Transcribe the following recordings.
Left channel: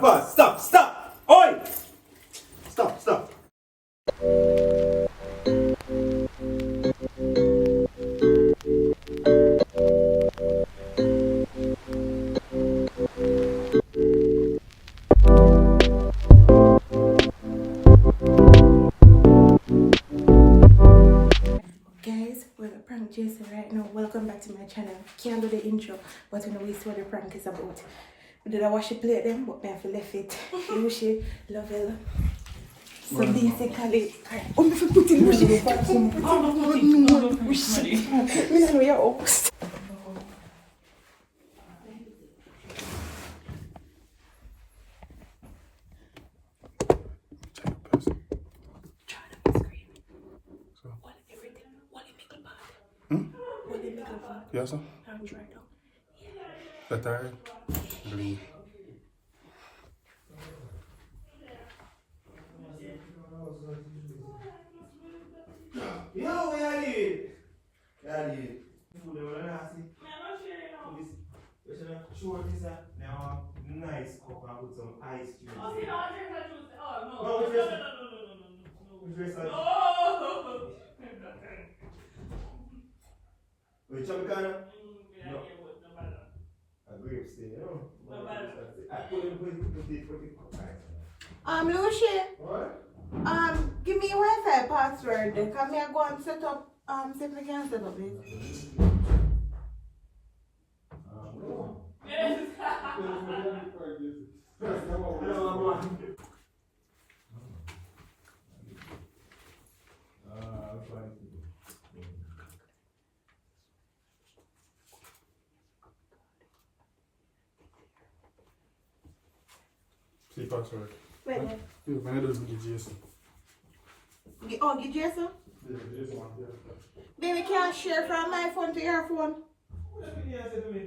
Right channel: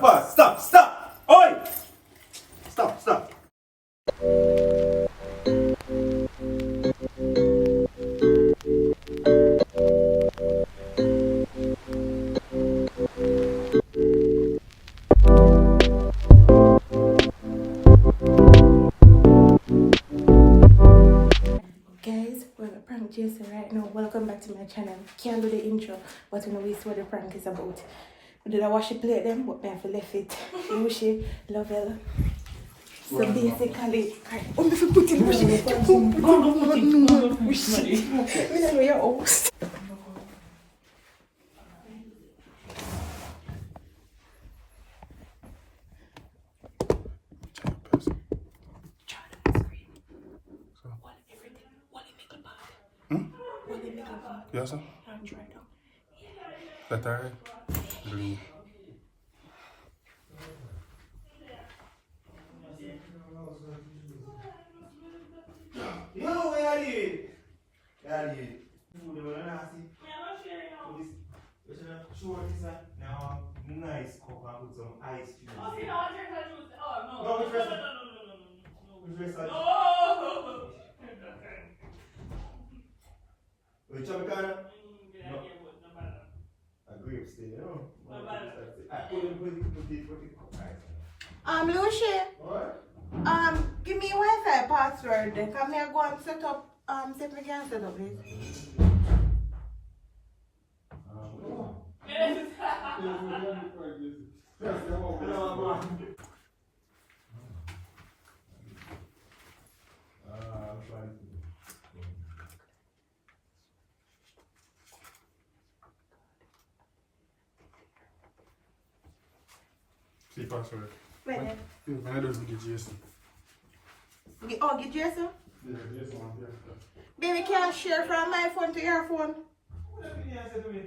Pause. Stop. Stop. Oi. Stop. Stop. Guys, we're at Prank Jason right now. Welcome back to my channel. Can't do the intro, but we know what the prank is about. We did I wash the plate them, but I have to left it. Lucy, Lovell. So basically, I'm going to put it Lucy. We don't know your house. Yes, sir. That tired? Green. Yo, where are you? Where are you? Food over there, see? Sure, sir. Now, nice cup and put some ice cream. Oh, see, no, drink that juice. Oh, no. No, No, which no, rest- no, no, no, no, no, Which rest no. are- No. Which one, Ghana? Yeah, No. yeah, what, no matter. A grapes thing, you know? No matter. I put it. Lucy, What? give me Wi-Fi password. Come here, go and set up, see if we can set up this. Yes. See password. Wait there. When it doesn't get Jason. Get Jason? Yeah, Jason one here. Baby can't share from my phone to your phone. What did you say to me?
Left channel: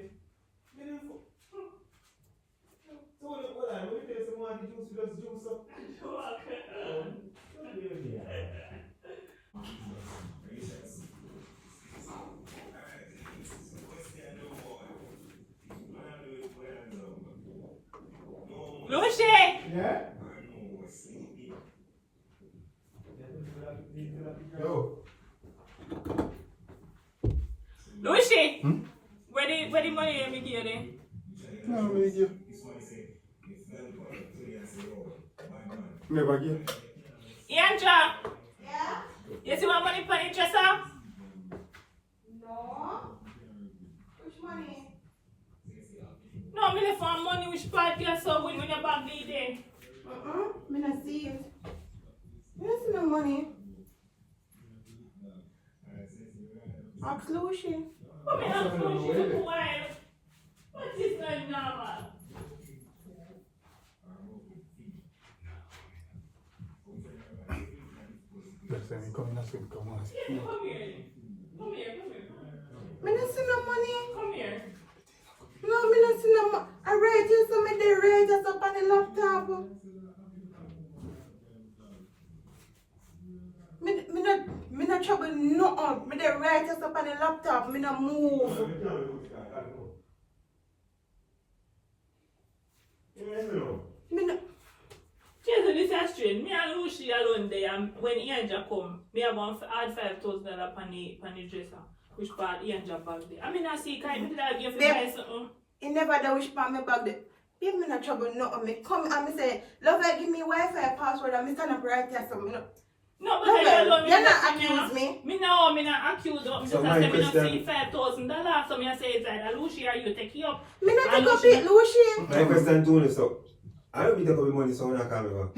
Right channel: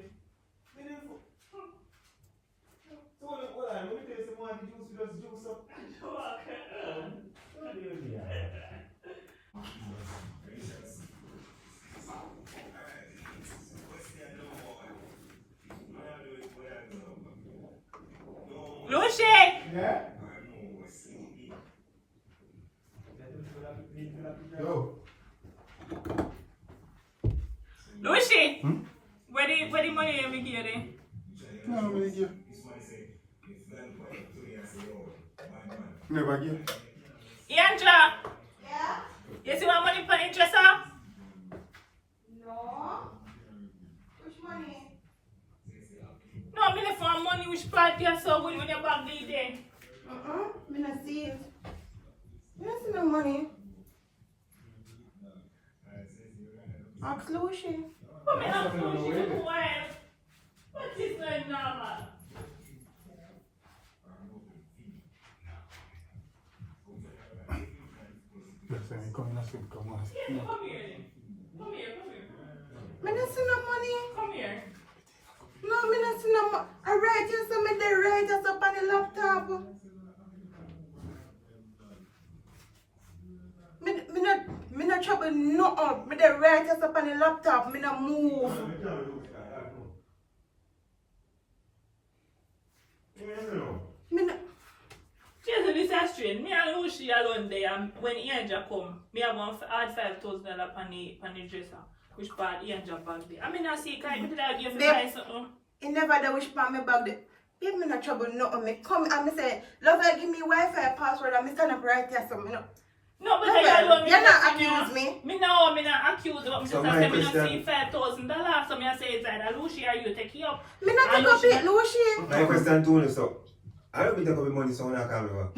So what I when you tell someone to juice, you just juice up. Lucy! Yeah? Yo. Lucy! Where the money you make here then? No, I'm gonna give. Never give. Yanja! Yeah? You see what money for the dresser? No. Which money? No, I mean for money which part you so good when your bag lead there. Me not see it. Me not see no money. Ask Lucy. Come here, I'm going to do while. What is like normal? That's why I'm coming to see him. Come on. Yeah, come here. Come here, come here. Me not see no money. Come here. No, me not see no money. I write you so me the write just up on the laptop. Me not trouble no. Me the write just up on the laptop. Me not move. Me not. Jason, this is strange. Me and Lucy alone there, and when Ianja come, me have one add $5,000 on the dresser. Which part Ianja bag there. I mean, I see, can you like give you buy something? He never know which part me bag the. If me not trouble no. Me come and me say, love I give me Wi-Fi password and me stand up right here so me no. No, but Lovell, I don't you're not accuse me. Me no, me not accuse you. Just So I my say me not question- see $5,000. So me I say it's like Lucy, are you take it up? Me not And take up Lucy- it, Lucy. My question to you, so I don't take up the money, so when I call you.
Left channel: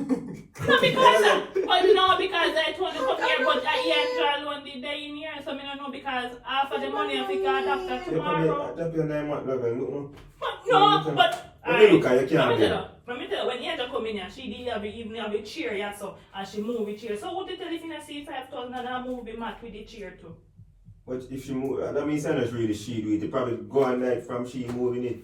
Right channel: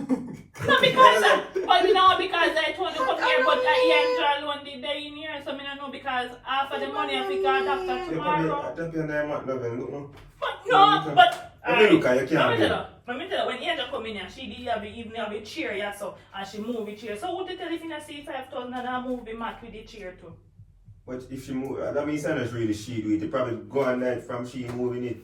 No, because but me know because I told you come here, but I alone did they in here, so me don't know because half of the money I pick out after tomorrow. Tap your 9 month level, look no. But no, but Let me look at you, let me can't tell you, let me tell you, when Angel come in here, she did have even have a chair, yeah, so and she move the chair. So what you tell if you see 5,000 and I move the mat with the chair too? But if she move, that means it's not really she do it. They probably go on like from she moving it.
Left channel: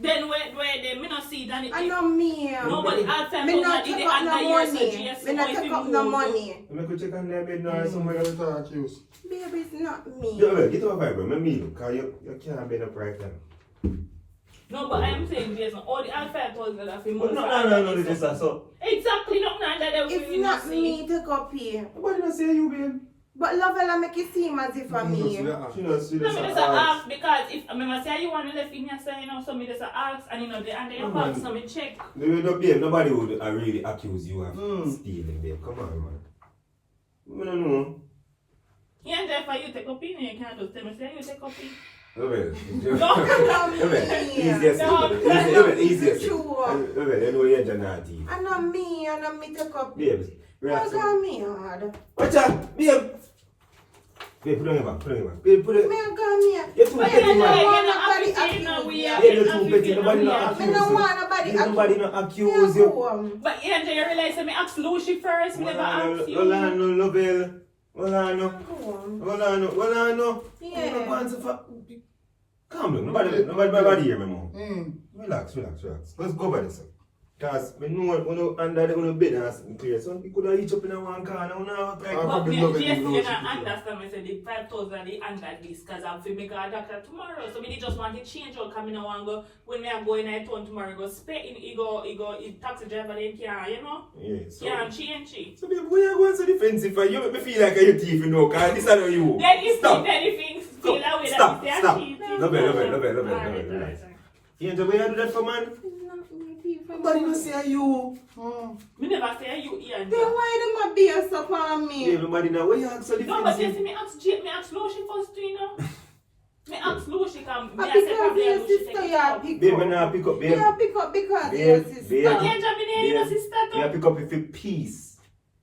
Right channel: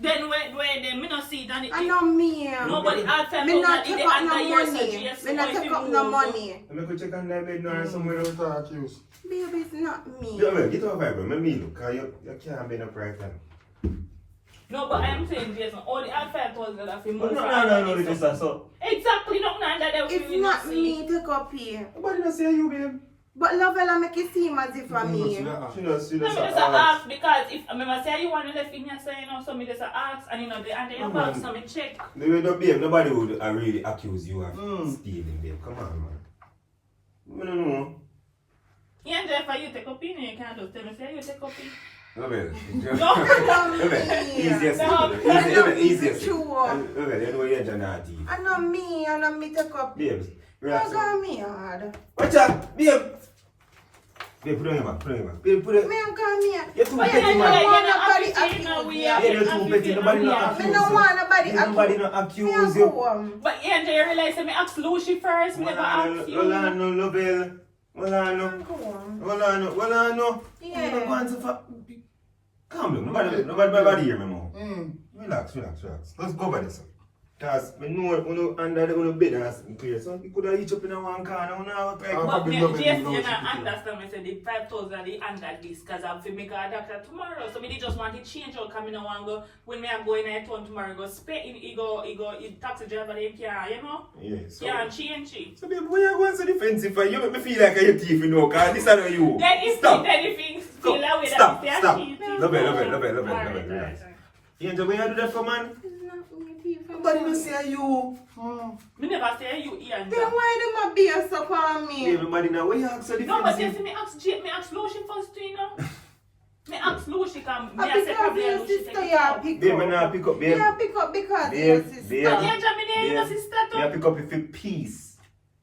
Then when they me not see that it. I know me. Nobody asked them Me about not it, take the up no under years, so money. yes, Me not so if take you up no move- money. I'm going to check on that bed now somewhere else. Without accuse. Baby, it's not me. Yo, well, get over vibe, bro. Let me look, because you can't be no right now. No, but I am saying, Jason, all the all $5,000 for But money. no, this is so. Exactly, not that It's not me to copy. Nobody not say you, babe. But Lovella make it seem as if for me. She knows, No, me just ask because if I remember say you want to left in your say, you know, so me just ask and you know the and then you box so me check. Nobody would really accuse you of stealing them. Come on, man. I don't know. Yeah, and therefore you take opinion, you can't just tell me say you take opinion. Easiest. You know you're Janati. I know me take up. Babes, I got me hard. watch out, babe. Babe, put it on your back, Babe, put it. Me got me. You're too But petty, you know, man. you're not You're too petty. Nobody not accuse Me no you. want nobody. Nobody not accuse you. But yeah, you realize that me ask Lucy first, me never ask you. Rolando, Lovell. Rolando. Yeah. Calm down. Nobody hear me, mom. Relax. Let's go by this. Because we know under the bed and clear. So we could have each up in one corner. But me, yes, you don't understand me say the 5,000 the under this because I'm to make a doctor tomorrow. So me just want to change out because me no want go when me I go in a town tomorrow go spend in he taxi driver they can, you know? Yeah, so Yeah, and change it. so babe, why you going so defensive for? You make me feel like a thief, you know, because this is not you. Then if Stop. anything still away Stop. that they are cheap. Love it. Alright. You know why you do that for, man? Nobody no say you. Me never say you here. Then why them a be a suck on me? Babe, nobody know why you act so No, but you defensive. see me ask Lucy first too, you know? Me ask Lucy come. Me I Because say probably your Lucy sister take you it out. pick Babe, up. when I pick up, babe. Yeah, pick up because Babe, your sister. babe. But you jump in there, your sister You too. pick up if you peace.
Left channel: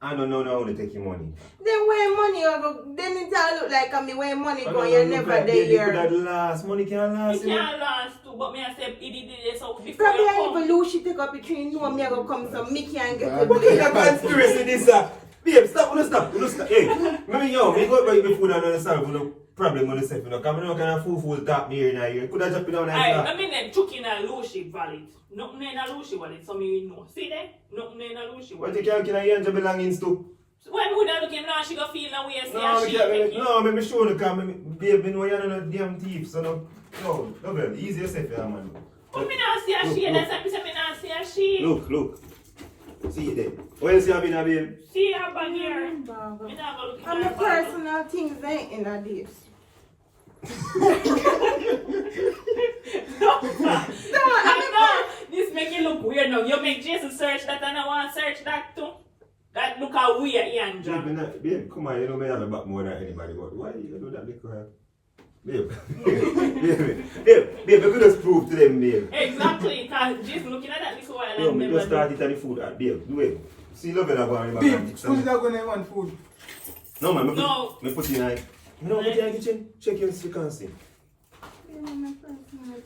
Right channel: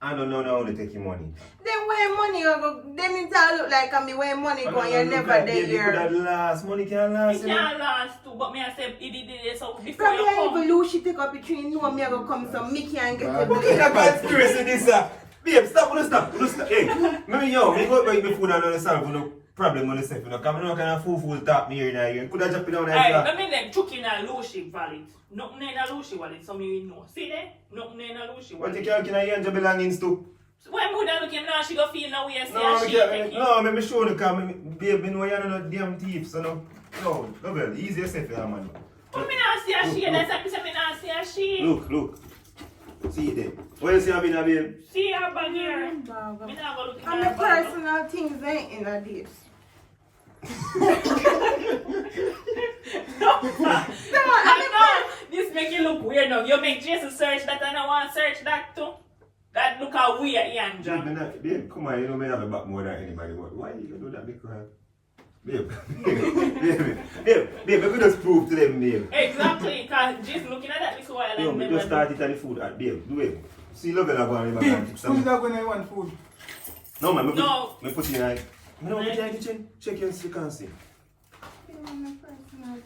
I don't know now to take your money. Then where money go? Then it all look like me where money go. But You no, never babe, there. you could have last. Money can't last, It you know. can't last too, but me I say he did it so before Probably you I come. even lose she take up between you and me I go come so me can get the Look at blame. the conspiracy this Babe, stop. Hey, maybe yo, me go buy me food and understand no problem with yourself, you know, because I no kind of fool talk me here in here. Could have just been down there. Alright, let me then took in a Lucy wallet. Nothing in a Lucy wallet, so me know. See there? Nothing in a Lucy What wallet. you can I your belongings to? So when would I look him now, she go feel no way, say No, she take it. no, me show the car, babe, know you're not damn thief, so no, well, easy yourself, yeah, man. But me not see a she, that's why me say me not see a she. Look. See it there. What you see, I mean, babe? See her bag here. Me not go look in And her the bag. personal things ain't in a this. I know. This make you look weird now. You make Jason search that and I want to search that too. That look how weird, Ian. Babe, come on, you know me have a back more than anybody. Why you do that, because babe, we could just prove to them, babe. Exactly, because Jason looking at that little while No, and me just started at the food, babe, do it. See, love it, I'm going to Who's not going to want food? No, man, No. me put you in no, put you in the kitchen. Check your you can see.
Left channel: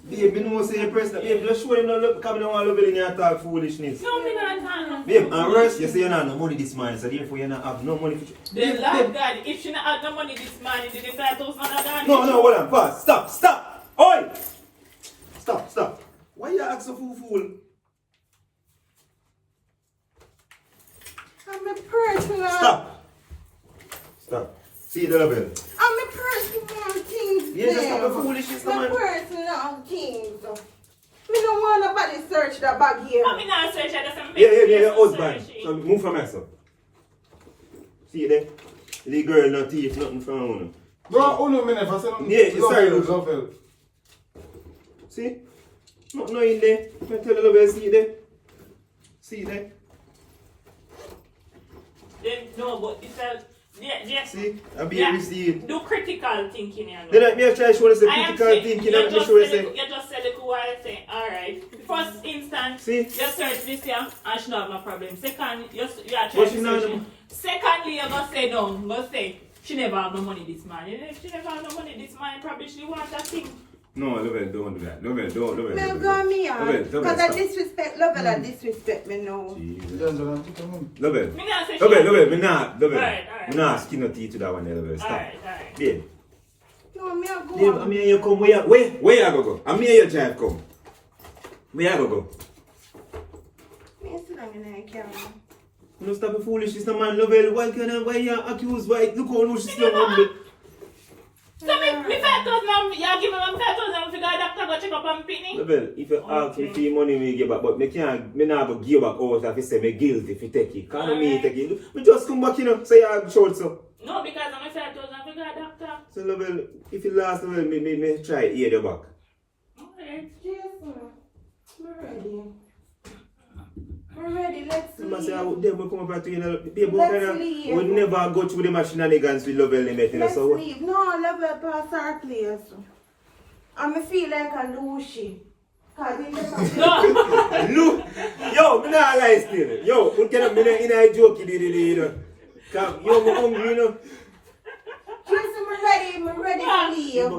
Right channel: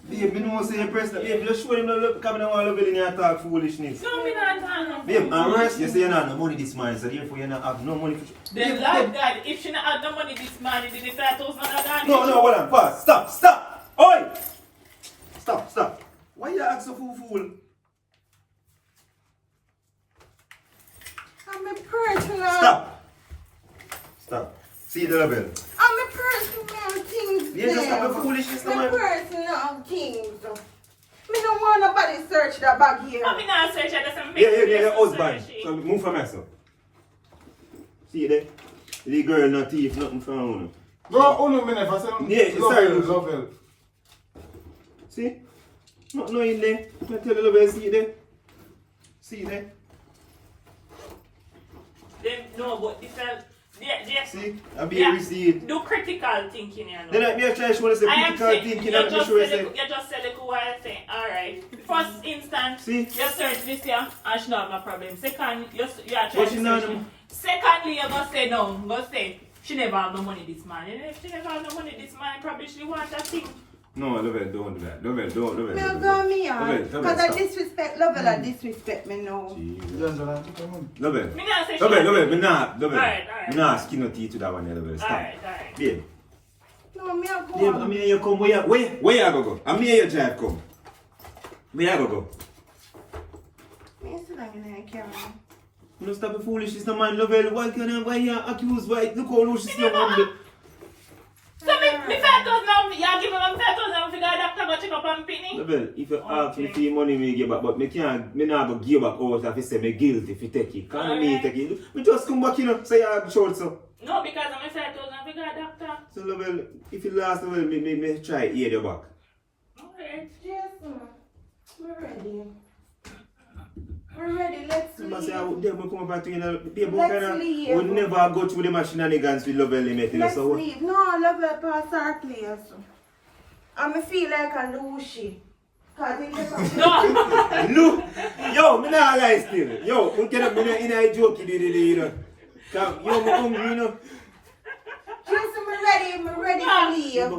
Babe, me know say your person. Babe, just show them no look, because I don't want to love it in your talk foolishness. No, me not talking. Babe, and worse, you say you don't have no money this morning, so therefore you don't have no money for The Lord God, if she not had no money this morning, then the 5,000 not gone. No, hold on, pause. Stop. Oi! Stop. Why you act so fool? I'm a personal. Stop. See the level. I'm a personal things. You just have a foolishness, no My man. personal things. Me don't want nobody search the bag here. I mean, not search at the same Yeah, your husband. So move from myself. See there? The girl not thief, nothing from her. Bro, no minute, I said, Yeah, sorry. Lovell. See? Not in there. I tell the level, see there? See there? No, but it's a... Yeah. See? I be able to see it. Do critical thinking, you know. Then I try to show us the I am critical saying, thinking you and just show us said it while I say, alright. First instance, See? you search this year and she not have no problem. Second, you are But trying she to not search know. it. Secondly, you're going to say no. You're going to say, she never have no money this morning. If she never have no money this morning, probably she want that thing. No, Lovell, don't do that. Lovell. Me don't go me on. Lovell, Because I stop. disrespect Lovell, I disrespect me now. Lovell. Me not say she Lovell, me not. Alright. Me not skin no teeth to that one, Lovell. Stop. Alright. Babe. No, me a go Babe, on. I'm here you come. Where you go? I'm here you drive come. Where you go? Me sit down in the camera. You stop the foolishness, no man. Lovell, why you accuse? Why? Look how loose she's still on me. So me Me 5,000, y'all give me 5,000 for the doctor go check up on Penny. Well, if you ask me for money, me give back, but me can't, me not go give back out if you say me guilty if you take it. Can't me take it. We just come back, you know, say I'm short so. No, because I'm 5,000 for the doctor. So, well, if you last, well, me try to hear you back. Alright. Jason, we're ready. We're ready, let's I say, leave. them will come back to you, know, people Let's kind of leave. would never go through the shenanigans with Lovell limit, you know, Let's so. leave. No, love it past our place. I feel like a Lucy. Cause in the No. Look, yo, me not lie still. Yo, we get up in a joke, you know. Come, yo, me hungry, you know. Jason, we're ready to leave.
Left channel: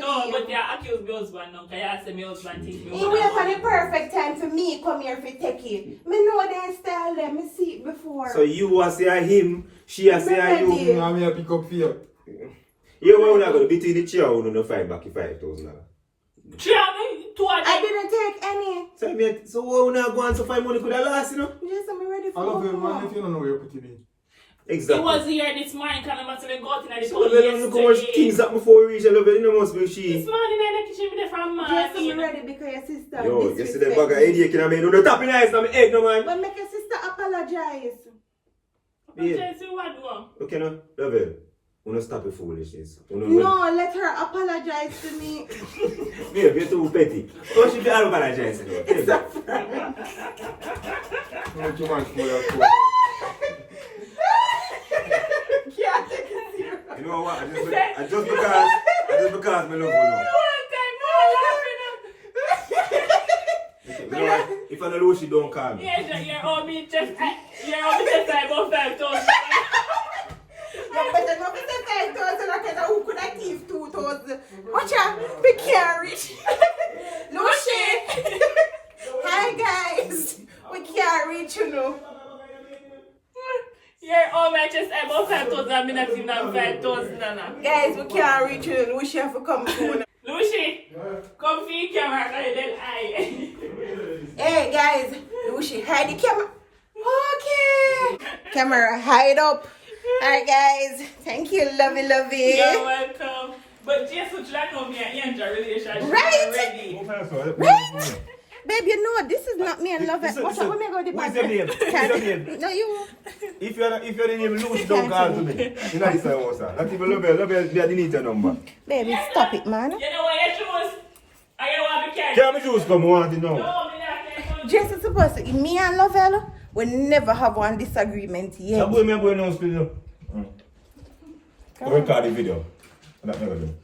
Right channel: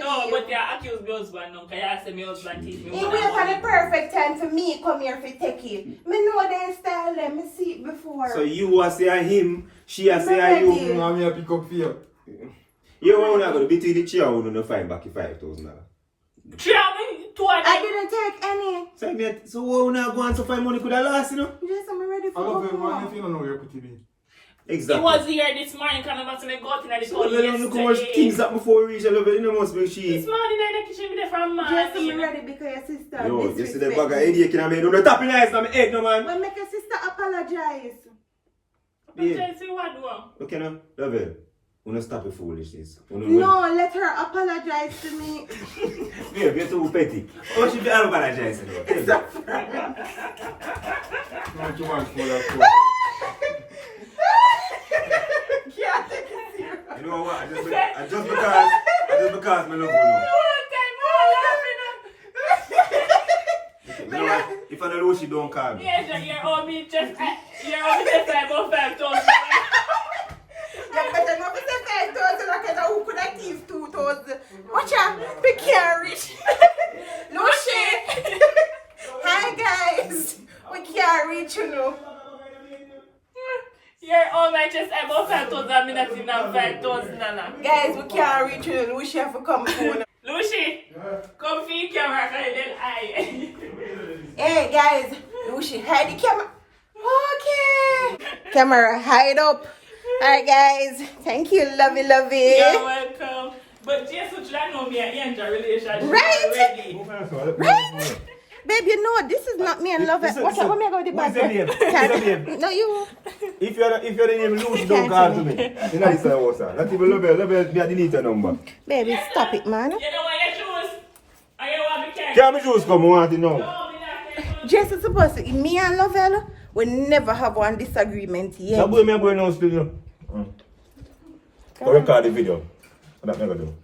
No, but yeah, accuse me husband now, because you say me husband teach me. He wait for the perfect time for me come here to take it. Me know their style, let me see it before. So you are say him, she are say you. I'm here pick up for you. You are not going to between the chair, you know, find back 5,000. I didn't take any. So we not going to find money could have lost, you know? Jason, I'm ready I for love you, go man. home. If you don't know where you put it. Exactly. He was here this morning coming back to the goat in the So toilet well, look how much things yesterday. that before we reach a level, you know, must be This she. morning in the kitchen with from Jason, I'm ready because your sister Yo, you see disrespect that bag of me. headache in a man, no tapping eyes on my head, no man. But make your sister apologize. Yeah. See what do? Okay, no? Level. We don't stop the foolishness. No, let her apologize to me. Yeah, you're too petty. Oh, she be apologizing. Don't you want to feel like Can't take it serious. You know what? I just because me love you now. You know what? If I don't know she don't call me. Yes, you're all me just about 5,000. You better not be saying 5,000 because who could have give 2,000? Watch out, be carried. Lucy. Hi guys. We can't reach you know. You're all my just about 5,000 minutes in 5,000. Guys, we can't reach you. Lucy have to come phone. Lucy, come feed camera and then I. Hey guys, Lucy, hide the camera. Okay. Camera, hide up. Alright guys, thank you, lovey. You're welcome. But Jason should I know me and Angel relationship Right? already. Right? Babe, you know this is not me and love it. What's up? Let me go with the What's bag. your name? What's your name? No, you. If you're the name Lucy, don't call to me. You know this house, sir. Not even love you, they need your number. Baby, stop it, man. You know what you choose? I don't want to be careful. Can't be juice come, I want to know. No, me not careful. Jess is supposed to, me and Lovell, we never have one disagreement So yet. boy, me boy now still, you know. I record the video. That never do.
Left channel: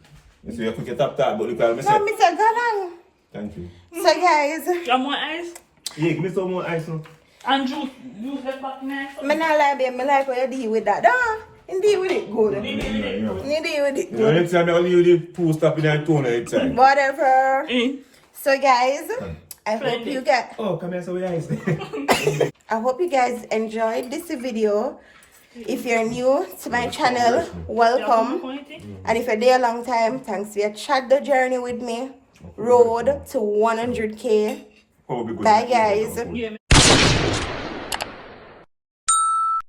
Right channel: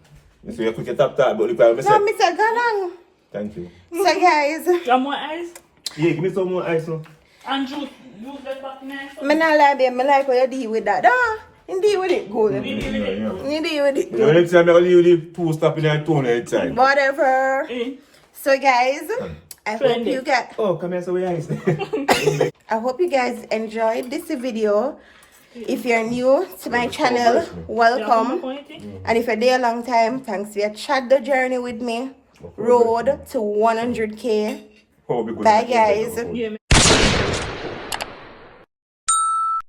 You see, you quick tap, but look at me. No, Mr. Galang. Thank you. So guys, You want more ice? Yeah, give me some more ice, no? And juice. Use the back knife. me not lie, babe, me like how you deal with that. You deal with it good. Yeah. You deal with it You know, good. next time I'll leave the pool stop in and tone every time. Whatever. Eh. So guys, I hope you guys, Oh, come here, so we ice. I hope you guys enjoyed this video. If you're new to my channel, welcome. And if you're there a long time, thanks for your chat the journey with me. Road to 100K. Bye guys. Yeah,